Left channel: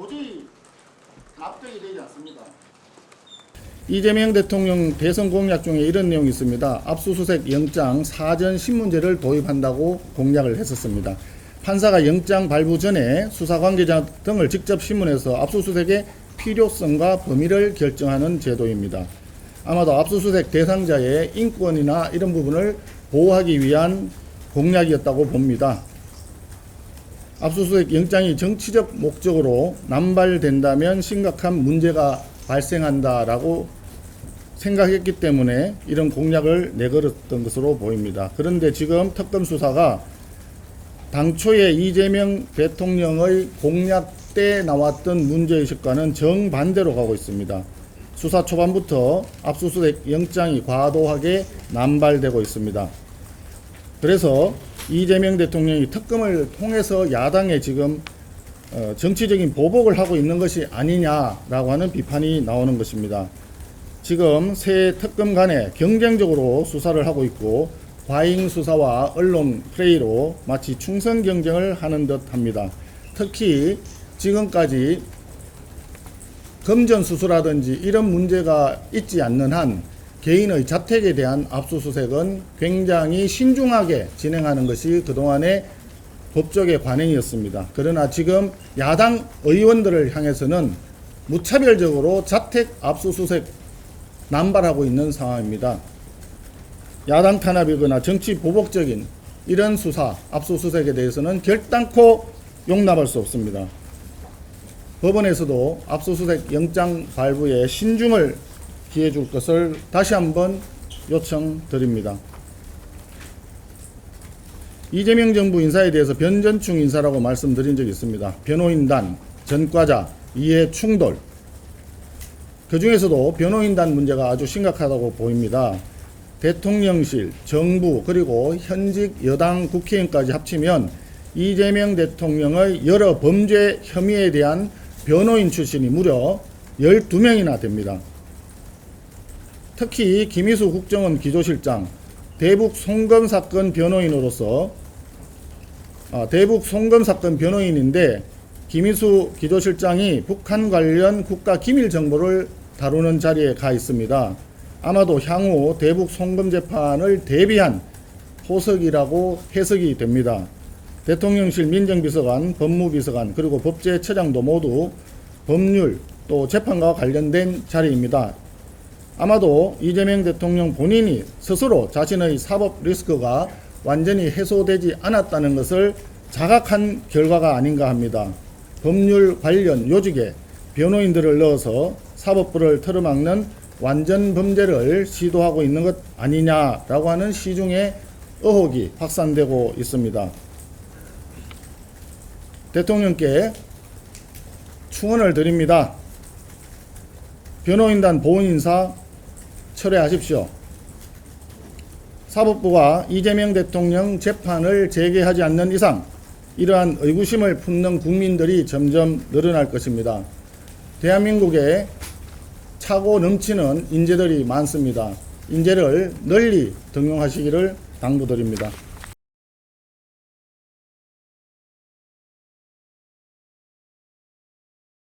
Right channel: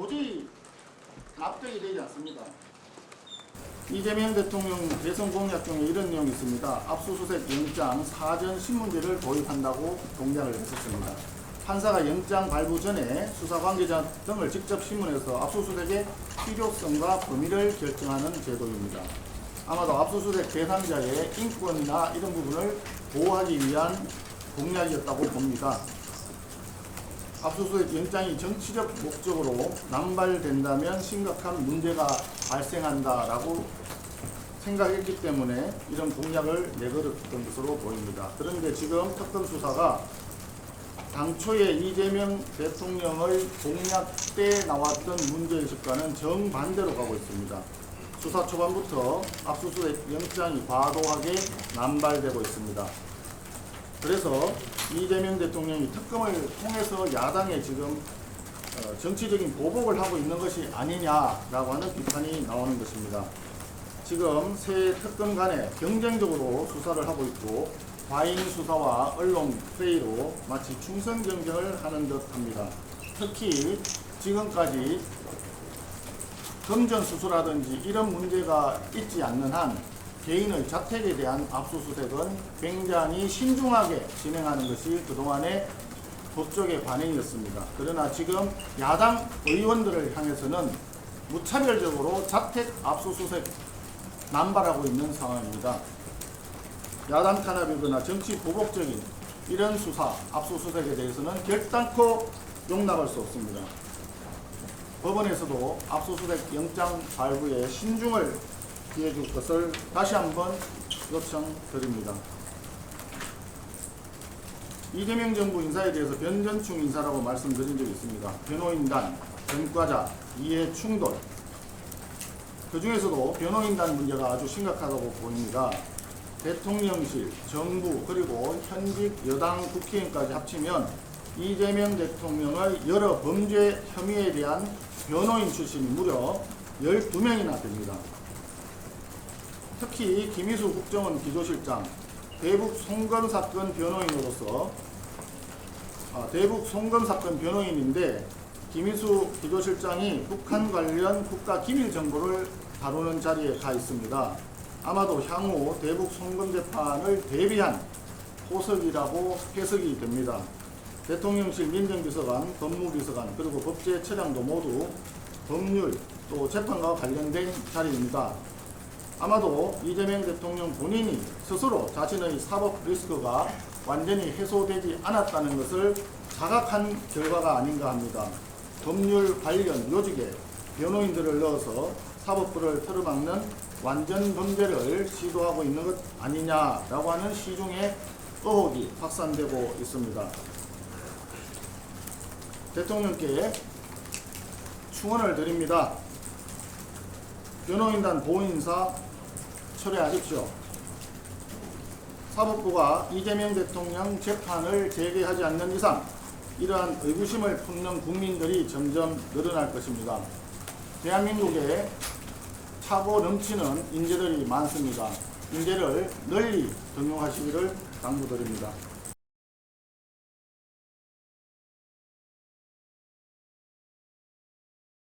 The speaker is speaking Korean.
도저히 납득이 되지 않습니다. 이재명 대통령 대선 공약 중에 이런 내용이 있습니다. 압수수색 영장 사전 신문제를 도입한다고 공약을 했었습니다. 판사가 영장 발부 전에 수사 관계자 등을 직접 신문해서 압수수색의 필요성과 범위를 결정하는 제도입니다. 아마도 압수수색 대상자의 인권이나 이런 부분을 보호하기 위한 공약이었다고 봅니다. 압수수색 영장이 정치적 목적으로 남발된다면 심각한 문제가 발생한다라고 생각했기 때문에 이런 공약을 내걸었던 것으로 보입니다. 그런데 지금 특검 수사가 당초에 이재명 대통령의 공약 때 나왔던 문제의식과는 정반대로 가고 있습니다. 수사 초반부터 압수수색 영장이 과도하게 남발되고 있습니다. 그래서 이재명 대통령이 특검을 통해서 야당에 지금 정치적인 보복을 하고 있는 것이 아니냐라고 하는 비판이 나오는 것입니다. 지금 새 특검 간에 경쟁적으로 수사를 하고 있고 과잉 수사와 언론 플레이로 마치 충성 경쟁을 하는 듯 합니다. 특히 지금까지 검전 수수라든지 이런 문제가 있지 않는 한 개인의 자택에 대한 압수수색은 굉장히 신중하게 진행하는 것이 그동안의 법조계 관행이었습니다. 그러나 지금 야당 의원들을 향해서는 무차별적으로 자택 압수수색 남발하고 있는 상황입니다. 야당 탄압이거나 정치 보복적인 이런 수사, 압수수색에 대해서는 결단코 용납할 수 없습니다. 법원에서도 압수수색 영장 발부에 신중을 기해줄 것을 다시 한번 요청드립니다. 이재명 정부 인사에 대해서 변전충 인사라고 말씀드린 적이 있습니다. 변호인단, 전과자, 이해 충돌. 그 중에서도 변호인단 문제가 아주 심각하다고 보입니다. 대통령실, 정부, 그리고 현직 여당 국회의원까지 합치면 이재명 대통령의 여러 범죄 혐의에 대한 변호인 출신이 무려 12명이나 됩니다. 특히 김희수 국정원 기조실장, 대북 송금 사건 변호인으로서 대북 송금 사건 변호인인데 김희수 기조실장이 북한 관련 국가 기밀 정보를 다루는 자리에 가 있습니다. 아마도 향후 대북 송금 재판을 대비한 포석이라고 해석이 됩니다. 대통령실 민정비서관, 법무비서관, 그리고 법제처장도 모두 법률 또 재판과 관련된 자리입니다. 아마도 이재명 대통령 본인이 스스로 자신의 사법 리스크가 완전히 해소되지 않았다는 것을 자각한 결과가 아닌가 합니다. 법률 관련 요직에 변호인들을 넣어서 사법부를 틀어막는 완전 범죄를 시도하고 있는 것 아니냐라고 하는 시중의 의혹이 확산되고 있습니다. 대통령께 충언을 드립니다. 변호인단 보훈인사 철회하십시오. 사법부가 이재명 대통령 재판을 재개하지 않는 이상 이러한 의구심을 품는 국민들이 점점 늘어날 것입니다. 대한민국에 차고 넘치는 인재들이 많습니다. 인재를 널리 등용하시기를 당부드립니다.